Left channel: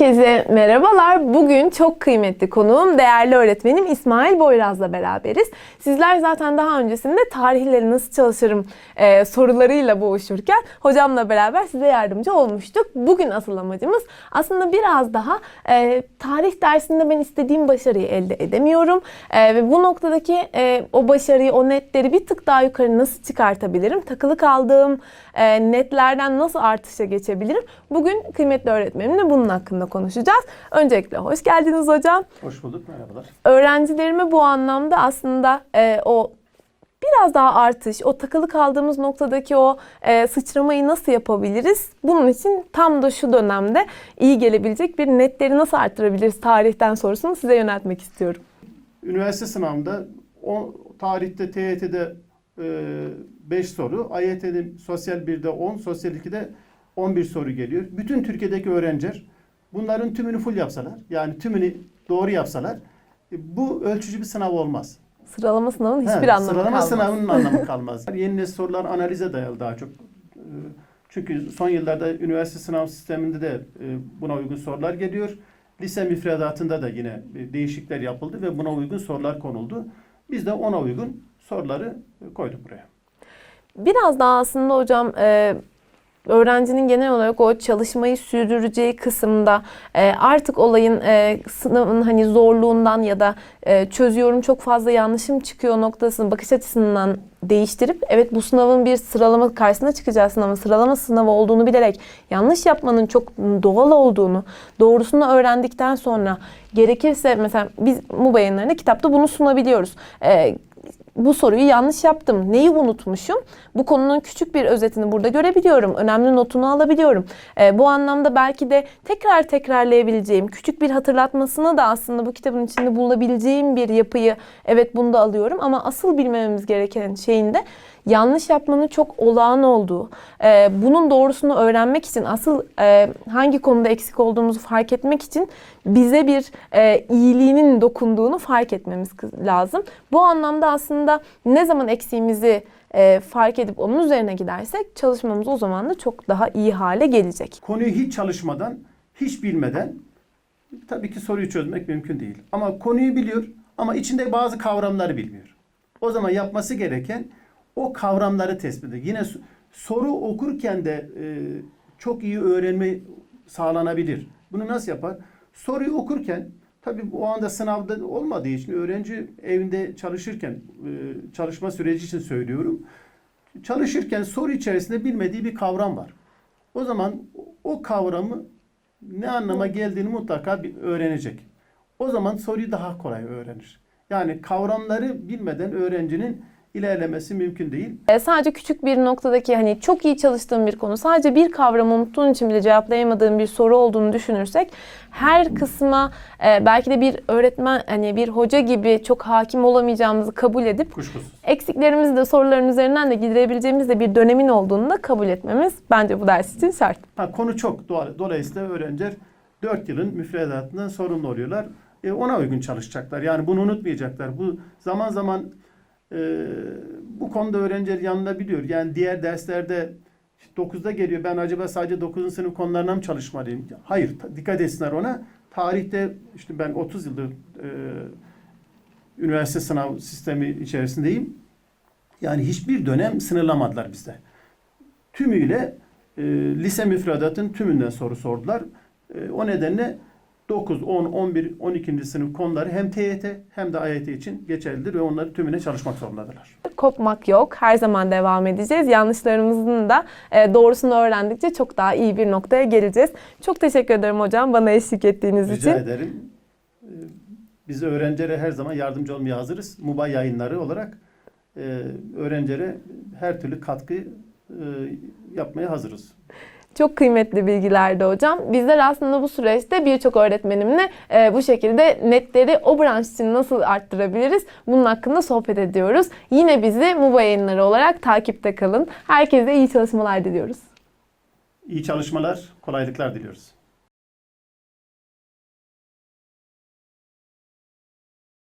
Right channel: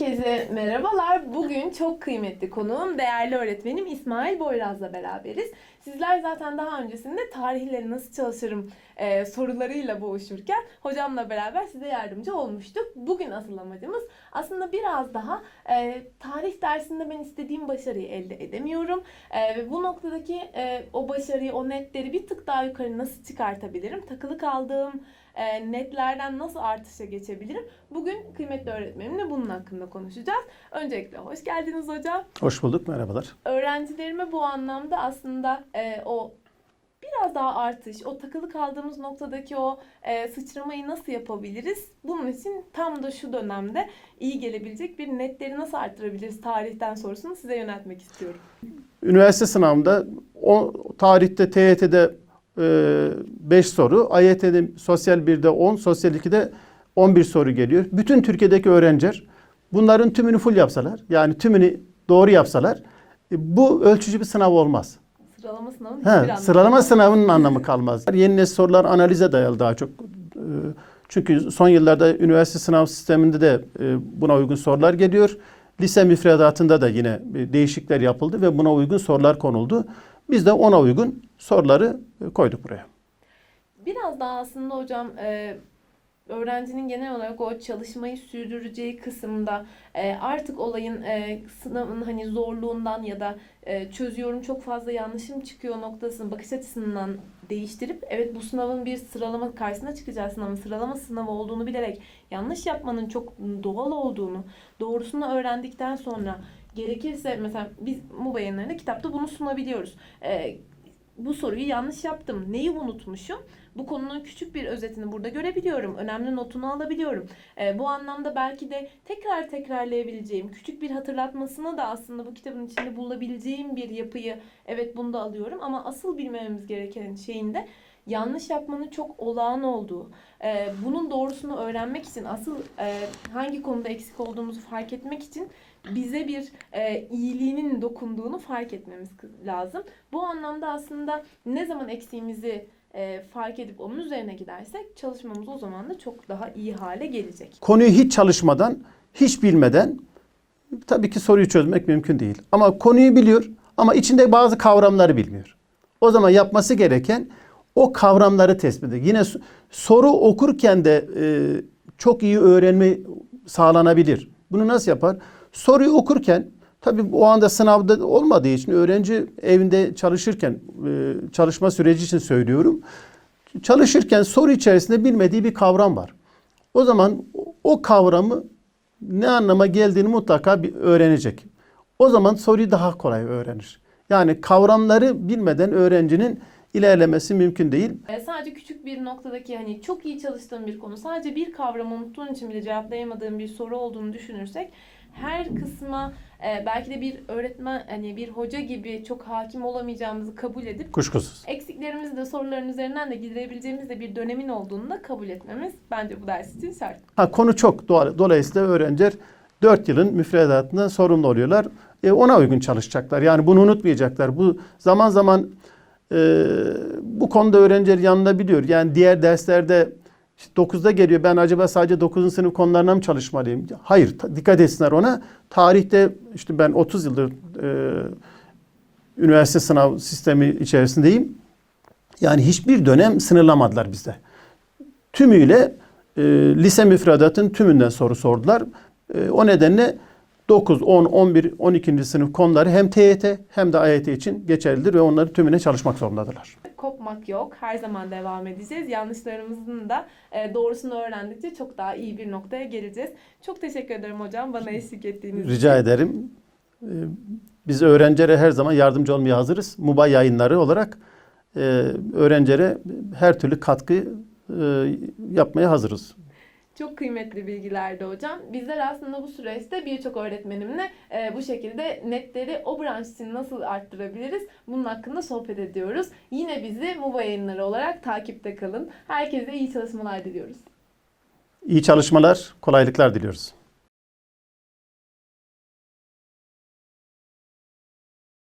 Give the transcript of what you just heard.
Herkese merhabalar. Bugün çok kıymetli konuğum, değerli öğretmenim İsmail Boyraz'la beraberiz. Sizler zaten daha öncesinde tarihleri nasıl çalışırım e, sorularıyla boğuşurken hocamla beraber size yardımcı olmuştuk. Bugün asıl amacımız aslında biraz daha e, tarih dersinde ben istediğim başarıyı elde edemiyorum. E, ve bu noktadaki e, o başarıyı, o netleri bir tık daha yukarı nasıl çıkartabilirim? Takılı kaldığım e, netlerden nasıl artışa geçebilirim? Bugün kıymetli öğretmenimle bunun hakkında konuşacağız. Öncelikle hoş geldiniz hocam. Hoş bulduk, merhabalar. Öğrencilerime bu anlamda aslında e, o biraz daha artış, o takılı kaldığımız noktadaki o e, sıçramayı nasıl yapabiliriz? Bunun için tam da şu dönemde iyi gelebilecek bir netleri nasıl arttırabiliriz tarihten sorusunu size yöneltmek istiyorum. Üniversite sınavında o tarihte TYT'de 5 soru, AYT'de sosyal 1'de 10, sosyal 2'de 11 soru geliyor. Bütün Türkiye'deki öğrenciler bunların tümünü full yapsalar, yani tümünü doğru yapsalar e, bu ölçücü bir sınav olmaz. Sıralama sınavının He, hiçbir anlamı Sıralama kalmaz. sınavının anlamı kalmaz. Yeni nesil sorular analize dayalı daha çok. Ee, Çünkü son yıllarda üniversite sınav sisteminde de e, buna uygun sorular geliyor. Lise müfredatında da yine e, değişiklikler yapıldı ve buna uygun sorular konuldu. Biz de ona uygun soruları e, koyduk buraya. Biraz daha aslında hocam e, öğrencinin genel olarak o çalışmayı sürdüreceği kısımda e, artık olayın e, sınavın hani zorluğundan ya da e, çözüyorum çok fazla yanlışım çıkıyor noktasını bakış açısından değiştirip evet bu sınavın bir sıralama karşısına çıkacağı sınavın sıralama sınavı olduğunu bilerek yanlış yapmanın çok doğal olduğunu doğrusunu öğrendikten sonra gerekirse mesela biz MUBA yayınlarında kitapta bunu sunabiliyoruz. E, bu soruyu yanlış yaptım. Neyi unutmuşum? Bu konunun küçük bir özetini burada görebiliyorum. Önemli notunu alabiliyorum. Ee, bu anlamda belki de tekrar tekrarlayabileceğim, küçük bir hatırlatmasını da aslında bu kitabın içinde bulabileceğim bir yapıyı evet bunu da alıyorum. Ama asıl bilmememiz gereken şeyin de yanlış yapmanın çok olağan olduğu, e, bunun doğrusunu öğrenmek için asıl e, hangi konuda eksik olduğumuzu fark etmek için bize bir e, iyiliğinin dokunduğunu fark etmemiz lazım. Bu anlamda aslında ne zaman eksiğimizi e, fark edip onun üzerine gidersek çalışmamız o zaman da çok daha iyi hale gelecek. Konuyu hiç çalışmadan, hiç bilmeden tabii ki soruyu çözmek mümkün değil. Ama konuyu biliyor ama içinde bazı kavramları bilmiyor. O zaman yapması gereken o kavramları tespit etmek. Yine soru okurken de e, çok iyi öğrenme sağlanabilir. Bunu nasıl yapar? Soruyu okurken tabii o anda sınavda olmadığı için öğrenci evinde çalışırken e, çalışma süreci için söylüyorum. Çalışırken soru içerisinde bilmediği bir kavram var. O zaman o kavramı ne anlama geldiğini mutlaka bir öğrenecek. O zaman soruyu daha kolay öğrenir. Yani kavramları bilmeden öğrencinin ilerlemesi mümkün değil. E, sadece küçük bir noktadaki hani çok iyi çalıştığım bir konu, sadece bir kavramı unuttuğun için bile cevaplayamadığın bir soru olduğunu düşünürsek her kısma e, belki de bir öğretmen hani bir hoca gibi çok hakim olamayacağımızı kabul edip Kuşkusuz. eksiklerimizi de soruların üzerinden de giderebileceğimiz de bir dönemin olduğunu da kabul etmemiz bence bu ders için şart. Ha, konu çok. Dola- Dolayısıyla öğrenciler 4 yılın müfredatından sorumlu oluyorlar. E, ona uygun çalışacaklar. Yani bunu unutmayacaklar. Bu zaman zaman e, bu konuda öğrenciler yanında biliyor. Yani diğer derslerde işte 9'da geliyor. Ben acaba sadece 9. sınıf konularına mı çalışmalıyım? Hayır. dikkat etsinler ona. Tarihte işte ben 30 yıldır e, üniversite sınav sistemi içerisindeyim. Yani hiçbir dönem sınırlamadılar bizde. Tümüyle e, lise müfredatın tümünden soru sordular. E, o nedenle 9, 10, 11, 12. sınıf konuları hem TYT hem de AYT için geçerlidir ve onları tümüne çalışmak zorundadırlar. Kopmak yok. Her zaman devam edeceğiz. Yanlışlarımızın da e, doğrusunu öğrendikçe çok daha iyi bir noktaya geleceğiz. Çok teşekkür ederim hocam bana eşlik ettiğiniz için. Rica ederim. E, Biz öğrencilere her zaman yardımcı olmaya hazırız. MUBA yayınları olarak e, öğrencilere her türlü katkı yapmaya hazırız. Çok kıymetli bilgilerdi hocam. Bizler aslında bu süreçte birçok öğretmenimle e, bu şekilde netleri o branş için nasıl arttırabiliriz bunun hakkında sohbet ediyoruz. Yine bizi MUBA yayınları olarak takipte kalın. Herkese iyi çalışmalar diliyoruz. İyi çalışmalar, kolaylıklar diliyoruz.